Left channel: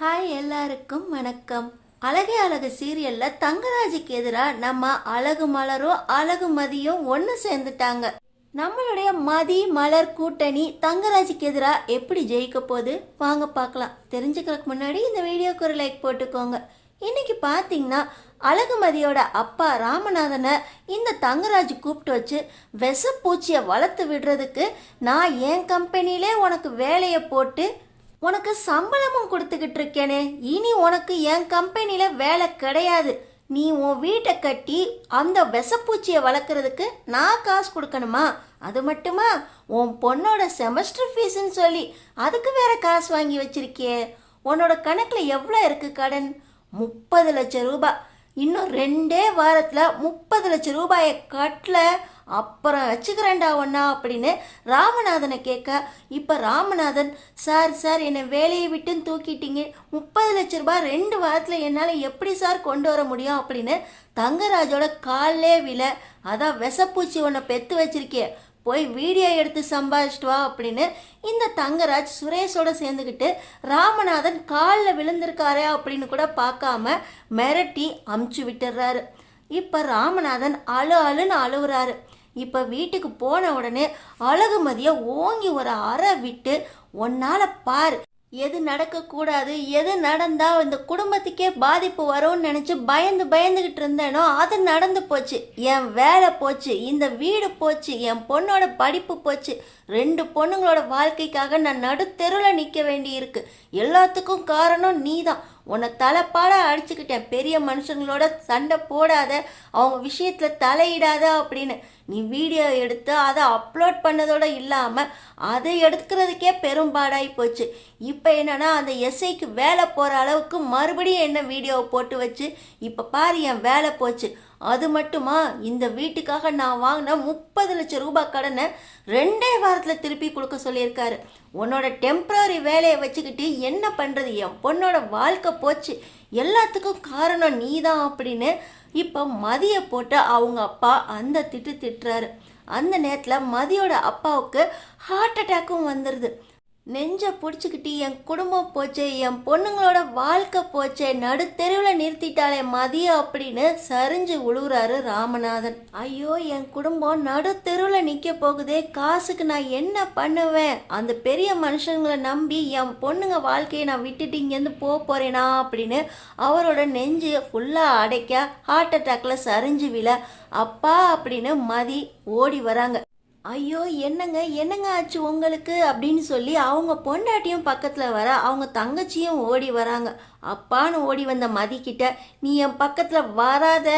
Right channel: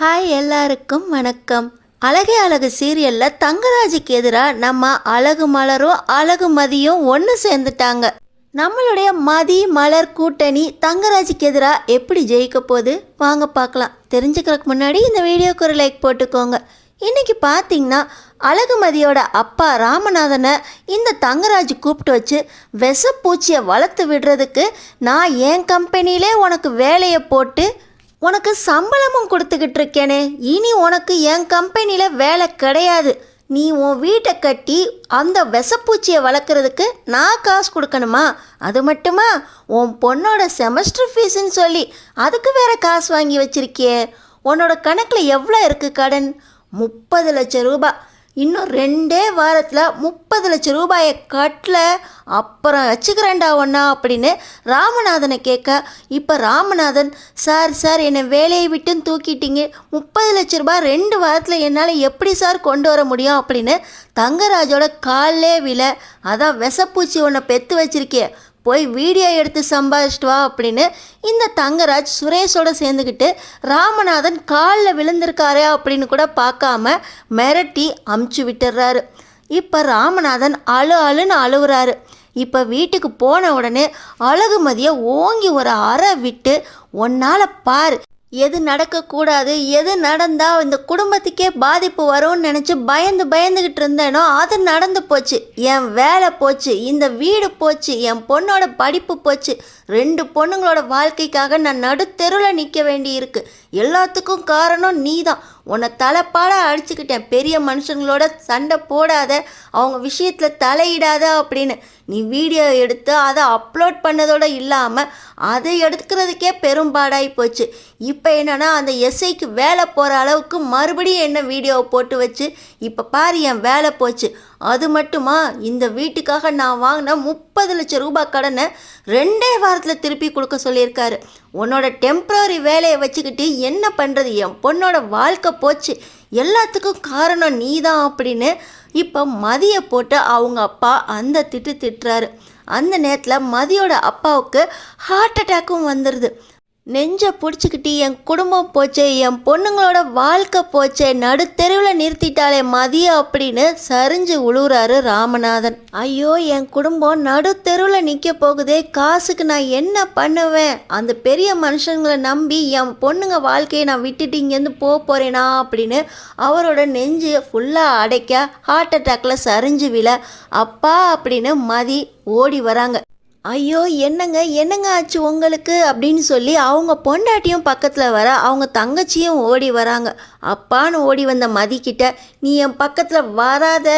Hi எல்லாருக்கும் வணக்கம். அழகே அழகு சீரியலில் தங்கராஜுக்கு எதிராக நம்ம அழகு மலரும் அழகு மதியும் ஒன்று சேர்ந்துட்டாங்க. நம்மளுடைய மதி மலர் கூட்டணி தங்கராஜுக்கு எதிராக எப்படி ஜெயிக்க போகுது வாங்க பார்க்கலாம். தெரிஞ்சுக்கிறதுக்கு முன்னாடி இந்த வீடியோக்கு ஒரு லைக் போட்டுக்கோங்க. இன்றைக்கி பார்த்தீங்கன்னா அழகுமதியோட அப்பா ராமநாதனை இந்த தங்கராஜ் கூப்பிட்டு வச்சு விஷப்பூச்சியை வளர்த்து விடுறதுக்கு நான் என் கம்பெனியிலே உனக்கு வேலையை போட்டு உனக்கு சம்பளமும் கொடுத்துக்கிட்டு இருக்கேனே, இனி உனக்கு என் கம்பெனியில் வேலை கிடையாது. நீ உன் வீட்டை கட்டி அந்த விஷப்பூச்சியை வளர்க்குறதுக்கு நான் காசு கொடுக்கணுமா? அது மட்டுமா, உன் பொண்ணோட செமஸ்டர் ஃபீஸுன்னு சொல்லி அதுக்கு வேற காசு வாங்கி வச்சிருக்கியே. உன்னோட கணக்கில் எவ்வளோ இருக்குது கடன்? 30 லட்சம் ரூபாய். இன்னும் 2 வாரத்தில் 30 லட்சம் ரூபாயை கட்டல, அப்புறம் வச்சுக்கிறேன்டா ஒன்றா அப்படின்னு ராமநாதனை கேட்க, இப்போ ராமநாதன் சார் என்னை வேலையை விட்டுன்னு தூக்கிட்டீங்க, 30 லட்ச ரூபாய் 2 வாரத்தில் என்னால் எப்படி சார் கொண்டு வர முடியும் அப்படின்னு தங்கராஜோட காலிலே விழ, அதான் விஷப்பூச்சி ஒன்றை பெற்று வச்சிருக்கே, போய் வீடியோ எடுத்து சம்பாதிச்சிட்டு வா அப்படின்னு இந்த தங்கராஜ் சுரேஷோட சேர்ந்துக்கிட்டு ராமநாதன் காலில் விழுந்திருக்காரு அப்படின்னு கூட பார்க்காம மிரட்டி அமுச்சு விட்டுறாரு. இப்போ ராமநாதன் அழுன்னு அழுவுறாரு. இப்போ வீட்டுக்கு போன உடனே அழகுமதியை ஓங்கி ஒரு அறை விட்டு, ஒன்னால் பார், எது நடக்கக்கூடாது, எது நடந்தால் இந்த குடும்பத்துக்கே பாதிப்பு வரும்னு நினச்சி பயந்துக்கிட்டு இருந்தேனோ அது நடந்து போச்சு. என் வேலை போச்சு, இந்த வீடு போச்சு, என் பொண்ணோட படிப்பு போச்சு, 2 பொண்ணுங்களோட வாழ்க்கைக்காக நான் நடுத்தெருவில் நிற்க வேண்டி இருக்கு. எல்லாத்துக்கும் காரணம் நீ தான். உன்னை தலைப்பாடாக அடிச்சுக்கிட்டேன். பெரிய மனுஷங்களோட சண்டை போடாத, அவங்க விஷயத்தில் தலையிடாத அப்படின்னு நீ வீடியோ எடுத்து அதை அப்லோட் பண்ணதோடு இல்லாமல் அதை எடுக்கிறதுக்கே பெரும்பாடாகி போச்சு. இப்போ என்னன்னா அந்த எஸ்ஐக்கு வேலை போகிற அளவுக்கு மறுபடியும் என்ன வீடியோவை போட்டு வச்சு இப்போ பாரு என் வேலை போச்சு. அது மட்டுமா, இந்த வீட்டுக்காக நான் வாங்கின 30 லட்சம் ரூபாய் கடனை 2 வாரத்தில் திருப்பி கொடுக்க சொல்லியிருக்காரு. உன்னோட டெம்ப்ரரி வேலையை வச்சுக்கிட்டு என்ன பண்ணுறது? என் பொண்ணோட வாழ்க்கை போச்சு, எல்லாத்துக்கும் காரணம் நீ தான் அப்படின்னு இப்போ மதியை போட்டு அவங்க அப்பா அந்த திட்டுறாரு. அந்த நேரத்தில் மதியோட அப்பாவுக்கு ஹார்ட் அட்டாக்கும் வந்துடுது. நெஞ்சை பிடிச்சிக்கிட்டு என் குடும்பம் போச்சே, என் பொண்ணுங்களோட வாழ்க்கை போச்சே, நடுத்தெருவில் நிறுத்திட்டாலே மதிய அப்படின்னு சரிஞ்சு உழுவுறாரு ராமநாதன். ஐயோ, என் குடும்பம் நடுத்தெருவில் நிற்க போகுதே, காசுக்கு நான் என்ன பண்ணுவேன்? அந்த பெரிய மனுஷங்களை நம்பி என் பொண்ணுங்க வாழ்க்கையை நான் விட்டுட்டு இங்கேருந்து போகிறேனா அப்படின்னு அவரோட நெஞ்சு ஃபுல்லாக அடைக்க ஹார்ட் அட்டாக்ல சரிஞ்சு விழ, அப்பா அப்படின்னு மதி ஓடி வராங்க. ஐயோ, என்னங்க ஆச்சு உங்களுக்கு அப்படின்னு சொல்லி அவங்க பொண்டாட்டியும் பக்கத்தில் வர, அவங்க தங்கச்சியும் ஓடி வராங்க. அப்பான்னு ஓடி வந்த மதிக்கிட்ட, நீ என் பக்கத்தில் வராத,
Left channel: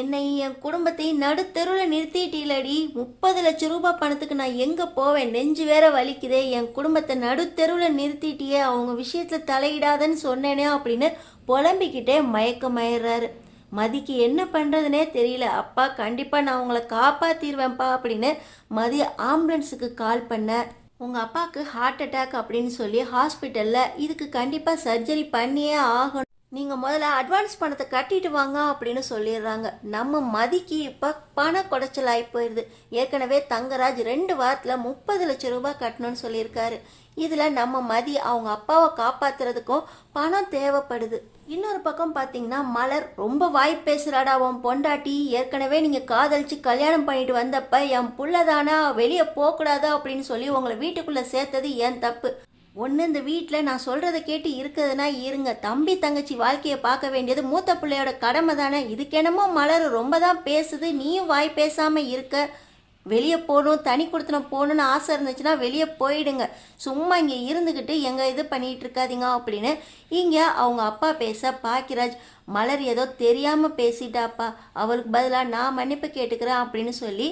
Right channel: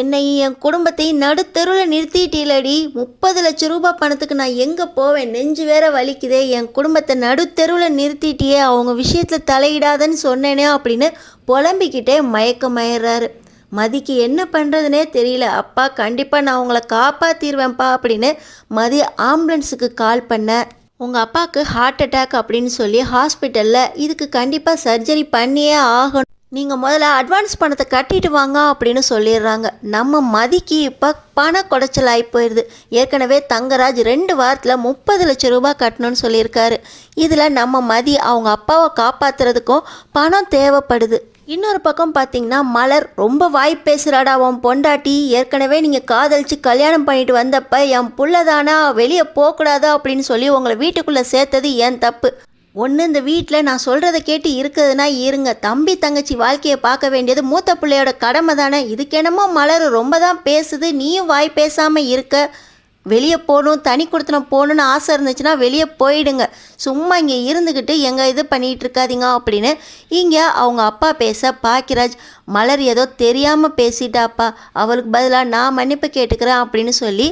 என்னை என் குடும்பத்தையும் நடுத்தெருவில் நிறுத்திட்டீலடி, 30 லட்சம் ரூபாய் பணத்துக்கு நான் எங்கே போவேன்? நெஞ்சு வேற வலிக்குதே, என் குடும்பத்தை நடுத்தெருவில் நிறுத்திட்டியே, அவங்க விஷயத்தில் தலையிடாதன்னு சொன்னேனே அப்படின்னு புலம்பிக்கிட்டே மயக்கமாயிடுறாரு. மதிக்கு என்ன பண்ணுறதுனே தெரியல. அப்பா கண்டிப்பாக நான் உங்களை காப்பாற்றிடுவேன்ப்பா அப்படின்னு மதி ஆம்புலன்ஸுக்கு கால் பண்ண, உங்கள் அப்பாவுக்கு ஹார்ட் அட்டாக் அப்படின்னு சொல்லி ஹாஸ்பிட்டலில் இதுக்கு கண்டிப்பாக சர்ஜரி பண்ணியே ஆகணும், நீங்கள் முதல்ல அட்வான்ஸ் பணத்தை கட்டிட்டு வாங்க அப்படின்னு சொல்லிடுறாங்க. நம்ம மதிக்கு இப்போ பண குடைச்சல் ஆகி போயிடுது. ஏற்கனவே தங்கராஜ் 2 வாரத்தில் 30 லட்சம் ரூபாய் கட்டணும்னு சொல்லியிருக்காரு. இதில் நம்ம மதி அவங்க அப்பாவை காப்பாற்றுறதுக்கும் பணம் தேவைப்படுது. இன்னொரு பக்கம் பார்த்தீங்கன்னா மலர் ரொம்ப வாய் பேசுகிறாடா உன் பொண்டாட்டி, ஏற்கனவே நீங்கள் காதலிச்சு கல்யாணம் பண்ணிட்டு வந்தப்ப என் புள்ளதானா, வெளியே போகக்கூடாதா அப்படின்னு சொல்லி உங்களை வீட்டுக்குள்ளே சேர்த்தது ஏன் தப்பு. ஒன்று, இந்த வீட்டில் நான் சொல்கிறத கேட்டு இருக்கிறதுனா இருங்க, தம்பி தங்கச்சி வாழ்க்கையை பார்க்க வேண்டியது மூத்த பிள்ளையோட கடமை தானே. இதுக்கென்னமோ மலர் ரொம்ப தான் பேசுது, நீயும் வாய் பேசாமல் இருக்க. வெளியே போகணும், தனி கொடுத்தனம் போகணுன்னு ஆசை இருந்துச்சுன்னா வெளியே போயிடுங்க, சும்மா இங்கே இருந்துக்கிட்டு எங்கே இது பண்ணிகிட்டு இருக்காதீங்க அப்படின்னு இங்கே அவங்க அப்பா பேச, பாக்கியராஜ் மலர் ஏதோ தெரியாமல் பேசிட்டாப்பா, அவளுக்கு பதிலாக நான் மன்னிப்பு கேட்டுக்கிறேன் அப்படின்னு சொல்லி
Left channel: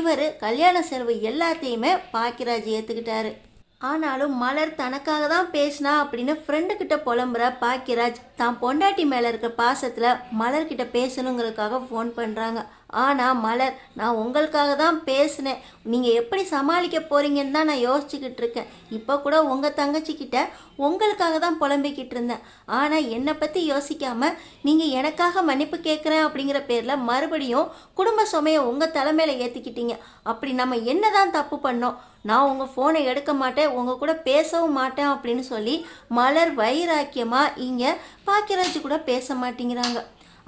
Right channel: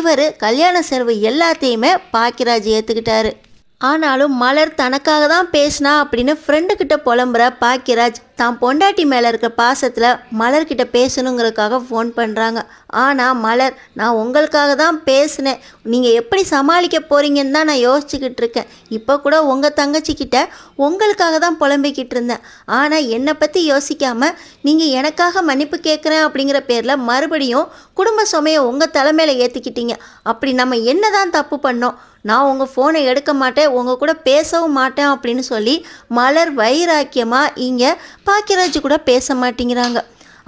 இவர் கல்யாண செலவு எல்லாத்தையுமே பாக்கியராஜ் ஏற்றுக்கிட்டாரு. ஆனாலும் மலர் தனக்காக தான் பேசினா அப்படின்னு ஃப்ரெண்டுக்கிட்ட புலம்புற பாக்கியராஜ் தான் பொண்டாட்டி மேலே இருக்க பாசத்தில் மலர்கிட்ட பேசணுங்கிறதுக்காக ஃபோன் பண்ணுறாங்க. ஆனால் மலர், நான் உங்களுக்காக தான் பேசினேன். நீங்கள் எப்படி சமாளிக்க போகிறீங்கன்னு தான் நான் யோசிச்சுக்கிட்டு இருக்கேன். இப்போ கூட உங்கள் தங்கச்சிக்கிட்ட உங்களுக்காக தான் புலம்பிக்கிட்டு இருந்தேன். ஆனால் என்னை பற்றி யோசிக்காமல் நீங்கள் எனக்காக மன்னிப்பு கேட்குறேன் அப்படிங்கிற பேரில் மறுபடியும் குடும்ப சுமையை உங்கள் தலைமையில் ஏற்றிக்கிட்டீங்க. அப்படி நம்ம என்ன தான் தப்பு பண்ணோம்? நான் உங்கள் ஃபோனை எடுக்க மாட்டேன், உங்கள் கூட பேசவும் மாட்டேன் அப்படின்னு சொல்லி மலர் வைராக்கியமாக இங்கே பாக்கியராஜ் கூட பேச மாட்டேங்கிறாங்க.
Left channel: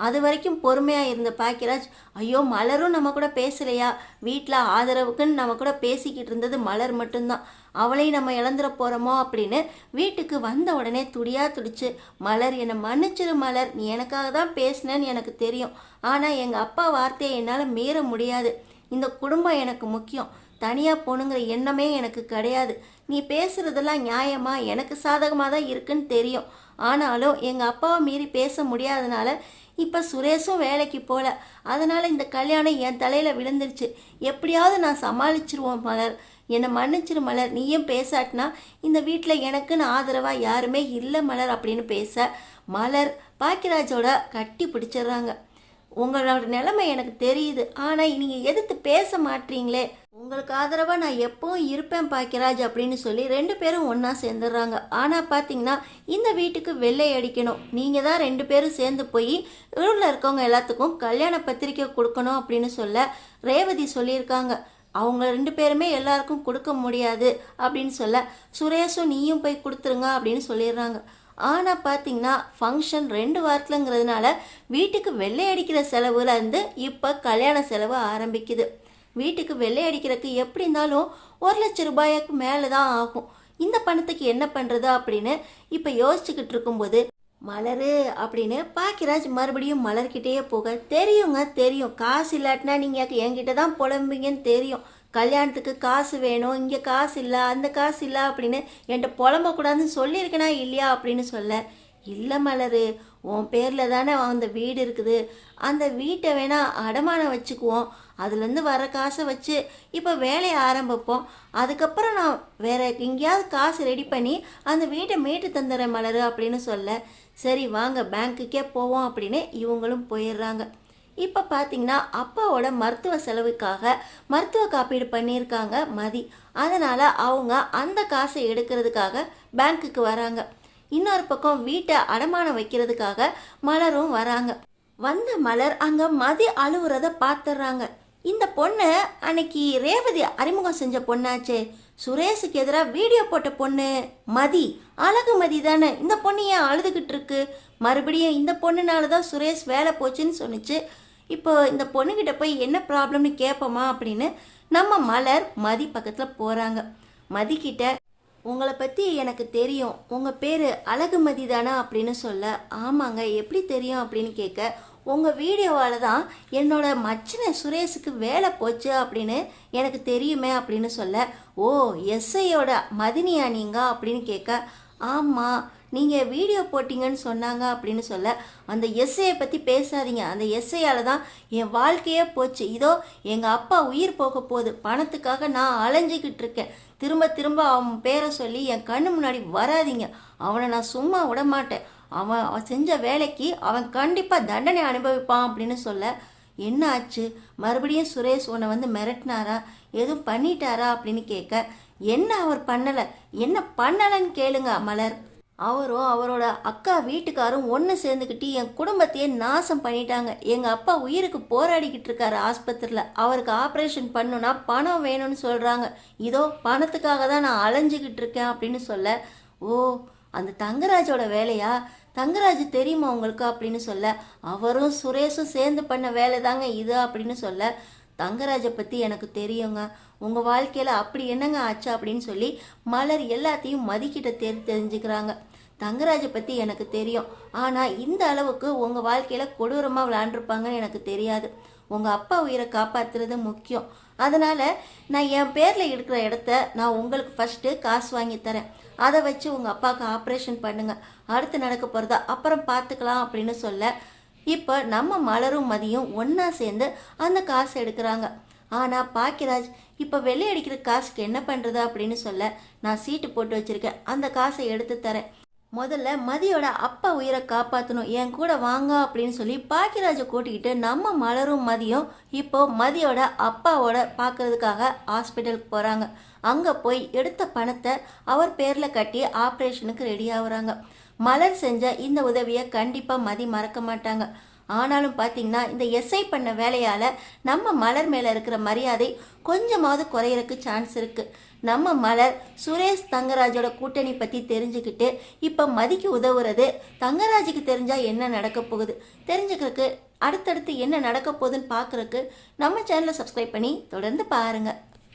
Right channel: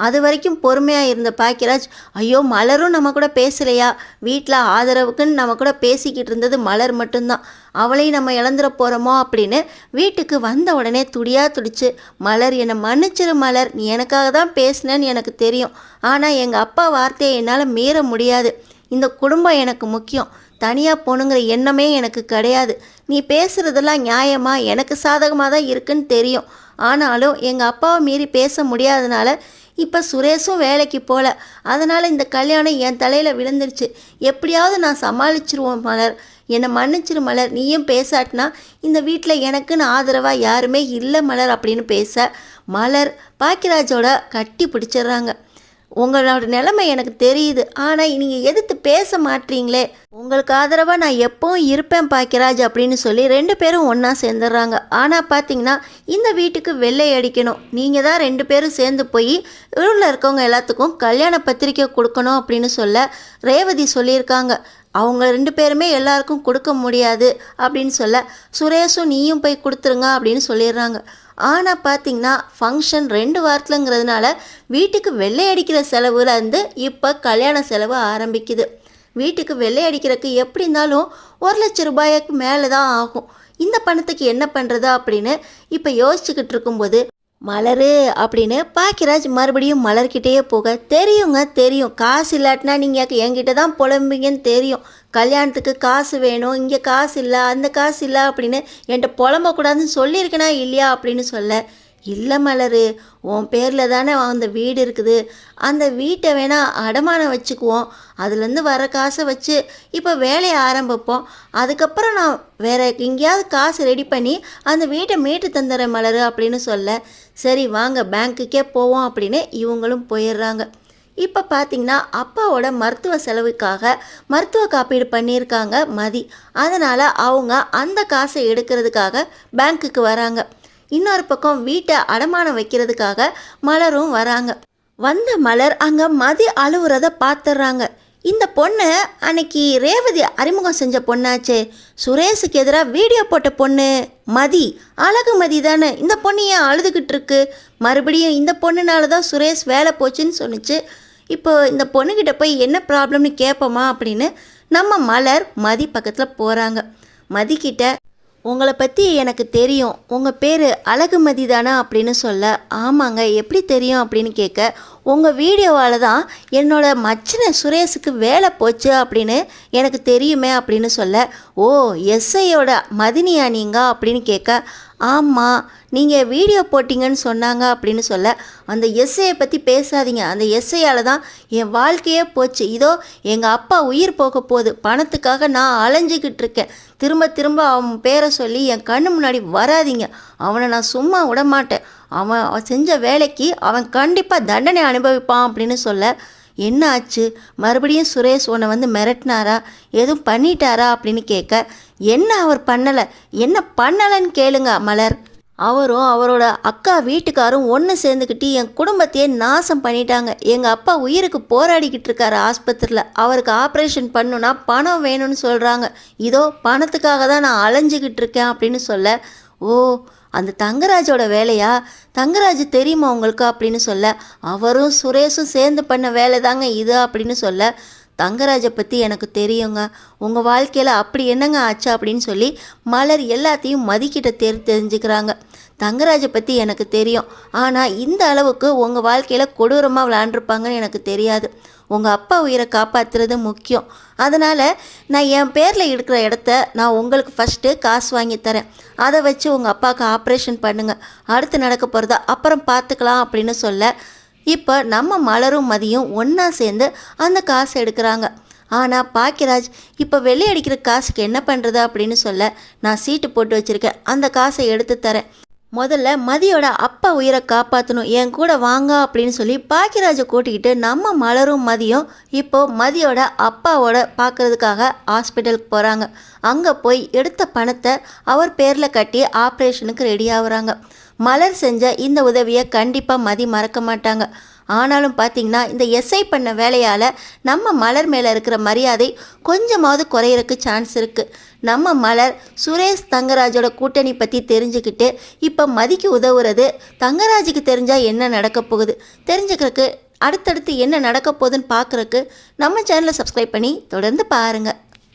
அது வரைக்கும் பொறுமையாக இருந்த பாக்கியராஜ், ஐயோ மலரும் நம்ம கூட பேசலையா, வீட்டில் ஆதரவுக்குன்னு நம்ம கூட பேசிக்கிட்டு இருந்தது மலர் மட்டும்தான், அவளையும் நம்ம இழந்துட போகிறோமோ அப்படின்னு வீட்டுக்கு வந்த உடனே துடிச்சு, மலர் என்னை மன்னிச்சிரு மலர், நீ எனக்காக தான் பேசினேன்னு எனக்கு தெரியும். ஆனால் எங்கள் அப்பா வார்த்தையை என்னால் மீற முடியாது. இந்த குடும்பம் எனக்கு முக்கியம். தனியாக போகணுங்கிற எண்ணமே எனக்கு கிடையாது. நீ பேசுகிறதெல்லாம் நியாயமாக எனக்கு சாதகமாக தான் இருக்குன்னு தெரியும். ஆனாலும் எங்கள் அப்பாவை மீறி பேச முடியாதனால இப்போ சுரேஷும் வேலைக்கு போகல. அதனால் இந்த கல்யாணம் என் தலையில் விழுந்துருச்சு. எப்படியாவது நான் சமாளிச்சிருவோம் மலர், என்னை மன்னிச்சிரு மலர், நீயும் பேசாட்டினா இந்த வீட்டில் எனக்குன்னு ஆதரவாக யாருமே இல்லை மலர் அப்படின்னு பேச மலர் பாக்கியராஜோட கட்டி பிடிச்சிடுறாங்க. உங்களோட நிலைமை எனக்கு தெரியுது, ஆனால் நீங்கள் எதிர்த்து பேச மாட்டீங்களே, உங்களுக்கு ஆதரவாக நான் எப்பவும் இருப்பேன் பாக்கியராஜ் அப்படின்னு சொல்லி 2 பேரும் ஒன்றா சேர்ந்துடுறாங்க. ஆனால் பார்த்தீங்கன்னா இந்த வீட்டுக்கு வெள்ளை அடிக்கணும், நீங்கள் தான் 2 பேரும் சேர்ந்து போய் ஊரில் இருக்கவங்க எல்லாத்துக்கும் கல்யாண பத்திரிக்கை கொடுக்கணும் அப்படின்னு சொல்ல ரேவதி சொல்லியிருக்காங்க. அவங்க 2 பேருமே எல்லாருக்கும் கொடுக்க முடியாது அப்படின்னு சொல்ல சுரேஷும் நீயும் போய் கொடுத்துருங்க அப்படின்னு சொல்லிடுறாங்க. ஆனால் பார்த்தீங்கன்னா ஃபங்க்ஷன் 2 வாரத்துலங்கிறதுனால வீட்டுக்கு வெள்ளை அடிக்கிற செலவுல இருந்து இப்போ கல்யாண செலவு ஆரம்பிக்குது. வீட்டுக்கு வெள்ளை அடிக்கிறதுக்கு எப்படி இருந்தாலும் 1,00,000 ரூபாய்க்கு மேலே தான் ஆகும். இந்த பணத்துக்கு என்ன பண்ணுறது அப்படின்னு இப்போ யோசிச்சுக்கிட்டு இருக்கும்போது மலரு அப்படின்னு பாக்கியராஜ் மறுபடியும் மலர்கிட்டேயே போக, தெரியுங்க தெரியும், காசு இல்லாட்டினா நீங்கள் என்கிட்ட தான் புலம்புங்கன்னு தெரியும், கல்யாணத்துக்கு காசு வேணும், இங்கே காசு இல்லை, அந்த காசு இல்லை அப்படின்னு என்கிட்ட புலம்பக்கூடாதுன்னு சொல்லியிருக்கேனா இல்லையா அப்படின்னு சொல்ல, இல்லை மலரு, உன் பேரில் தானே அந்த வீடு இருக்குது, அந்த வீட்டை வேணால் அடமானம் வச்சுக்குவோம், அதுலேருந்து வர காசை வச்சு இப்போ வேலையை ஆரம்பிப்போம், அதுக்கப்புறம் நான் வேறு எங்கேயாவது காசு ரெடி பண்ணி அந்த வீட்டை மீட்டு தந்துடுறேன் மலரு அப்படின்னு சொல்ல, சரி வாங்க பேங்க்குக்கே போவோம் அப்படின்னு இவங்களும் போயிடுறாங்க. இப்போ பார்த்தீங்கன்னா அப்பாவோட மருத்துவ செலவுக்காக மருத்துவ காப்பீடு பண்ணியிருக்காங்க மதி. அதனால் அவங்க அந்த காசை எடுக்கிறதுக்காக பேங்க்குக்கு வராங்க. இன்னொரு பக்கம் வீட்டை அடமானம் வைக்கிறதுக்காக மலரும் வராங்க. வந்த மலர் அங்கே மதி அழுவுறத பார்த்துடுறாங்க. இந்த பொண்ணு அன்னைக்கு ரேவதி அறிமுகம் செஞ்ச பொண்ணாச்சே, சுரேஷுக்கு எதிராக வீடியோ போட்ட பொண்ணு மதி, அழகு மதி தானே, இந்த பொண்ணு ஏன் அழுதுகிட்டு இருக்கு, மறுபடியும் இந்த பொண்ணுனால தான் சுரேஷ் வேலை போச்சுன்னு சொன்னிச்சு, இப்போ இந்த பொண்ணுக்கிட்ட போய் என்ன ப்ராப்ளம்னு கேட்போமா அப்படின்னு நம்ம மலர் மதி பக்கத்தில் போகிறாங்க. மதிக்கிட்ட உங்களை பற்றி எனக்கு தெரியும், உங்கள் பேர் அழகுமதி தானே அப்படின்னு சொல்ல, ஆமாங்க எப்படி தெரியும் அப்படின்னு கேட்க, உங்கள் வீடியோவால் தான் என்னோட மச்சின சுரேஷுக்கு வேலை போச்சு அப்படின்னு எனக்கு தெரியுமே அப்படின்னு சொல்ல, ஓ எஸ்ஐயோட மதினியா நீங்கள் அப்படின்னு கேட்க, ஆமாம் நீங்கள் வீடியோ போட்டிங்கன்னு சொன்னாங்க அப்படின்னு சொல்ல, அந்த எஸ்ஐயை பற்றி பேசாதீங்க, அந்த எஸ்ஐயால் தான் என் வாழ்க்கையே போச்சு, இதோ எங்கள் அப்பா உயிர் போக போகுது, பணத்துக்காக நான் அலைஞ்சிக்கிட்டு இருக்கேன், திரும்ப திரும்ப அவன் பேரை சொல்லி என் கண்ணு முன்னாடி வராதிங்க, அவனை நான் சும்மா விட மாட்டேன், அவன் செஞ்ச வேலைக்கு அவன் கண்டிப்பாக தண்டனை அனுபவிப்பான் அப்படின்னு சொல்ல, என்ன ஆச்சு மறுபடியும் சுரேஷ் உன்னை வந்து மிரட்டினாரா, எதுவும் பண்ணிட்டாரா அப்படின்னு கேட்க, என்ன அவர் பண்ணலை, என்ன பண்ணலைன்னு கேளுங்க மலர், அவரும் அவரோட அக்கா வீட்டுக்காரும் ஒன்று சேர்ந்துக்கிட்டு என் குடும்பத்தையே நாசம் பண்ணிட்டாங்க, எங்கள் அப்பா உயிருக்கு போராடிக்கிட்டு இருக்காரு ஆஸ்பத்திரியில், அவருக்கு ஆப்ரேஷன் பண்ணுன்னா பணம் வேணும்னு சொல்கிறாங்க, இதோ பணத்துக்காக தான் நான் அலைஞ்சிக்கிட்டு இருக்கேன் அப்படின்னு சொல்ல, ஓ அந்த தங்கராஜோட வேலையா, தங்கராஜ் தெரியுமா உங்களுக்கு அப்படின்னு சொல்ல, அவரும் சுரேஷும் சேர்ந்து பண்ண வேலை தாங்க இது அப்படின்னு சொல்ல, தங்கராஜை பற்றி எனக்கு தெரியுங்க, உங்கள் வாழ்க்கையில் அப்படி என்னங்க ஆச்சு அப்படின்னு சொல்லி மலர் எல்லாத்தையும் மதிக்கிட்ட தெரிஞ்சுக்கிறாங்க. தங்கராஜை பற்றி எனக்கு தெரியும், ஆனால் இந்த அளவுக்கு உங்கள் வாழ்க்கையில் கொடூரமாக விளாண்டுருப்பாங்கன்னு எனக்கு தெரியாது, உங்கள் அப்பா உயிரை காப்பாற்றுறது முக்கியம், அதனால் நான் என் பேரில் இருக்கிற இடத்த நான் உங்களுக்கு ஃபஸ்ட்டு காசு வாங்கி தரேன், அதை வச்சு உங்கள் அப்பாவுக்கு ஆப்ரேஷன் பண்ணுங்கள், அடுத்து நடக்க போகிறதா அப்புறம் பார்த்துக்கலாம் அப்படின்னு சொல்ல, இப்போ நம்ம மலரும் மதியும் ஒன்றா சேர்ந்து அந்த காசை எடுக்கிறாங்க. ஆனால் பாக்கியராஜ் இப்போ வெள்ளை அடிக்கிற காசுக்கு என்ன பண்ணுறது அப்படின்னு சொல்ல, நான் சீட்டு போட்டு வச்சுருக்கேன், அந்த காசை எடுத்து தரேன், முதல்ல மதியோட அப்பா உயிரை காப்பாற்றணும், என் கூட வாங்க அப்படின்னு சொல்லி பாக்கியராஜை கூட்டிக்கிட்டு நம்ம மலரும் மதியம் இப்போ மதியோட அப்பாவோட பார்க்கறதுக்காக ஹாஸ்பிட்டலுக்கு போகிறாங்க. அங்கே போய் எடுத்த பணத்தை அவர் பேரில் கட்டி ஆப்ரேஷனுக்கு ரெடி ஆகுறாங்க. மலர் செஞ்ச இந்த உதவியை கண்டிப்பாக மதி மறக்க மாட்டாங்க. ஆனாலும் பார்த்திங்கன்னா இந்த எஸ்ஐ பண்ண வேலையால் நம்ம மலர் மேலே இருக்கிற மரியாதை கொஞ்சமாவது குறையிறக்கு சான்ஸ் இருக்குது. நம்ம மலர் சுரேஷ் தங்கராஜோட கூட்டணி பற்றி தெரிஞ்சுக்கிட்டு இப்போ மதிக்கு உதவுறது தங்கராஜுக்கு தெரிஞ்சால் என்ன நடக்க போகுது தெரிஞ்சுக்கிறதுக்கு, அடுத்தடுத்து என்ன நடக்க போகுதுன்னு பார்க்குறக்கு நம்ம சேனலை சப்ஸ்கிரைப் பண்ணி தொடர்ந்து பாருங்கள்.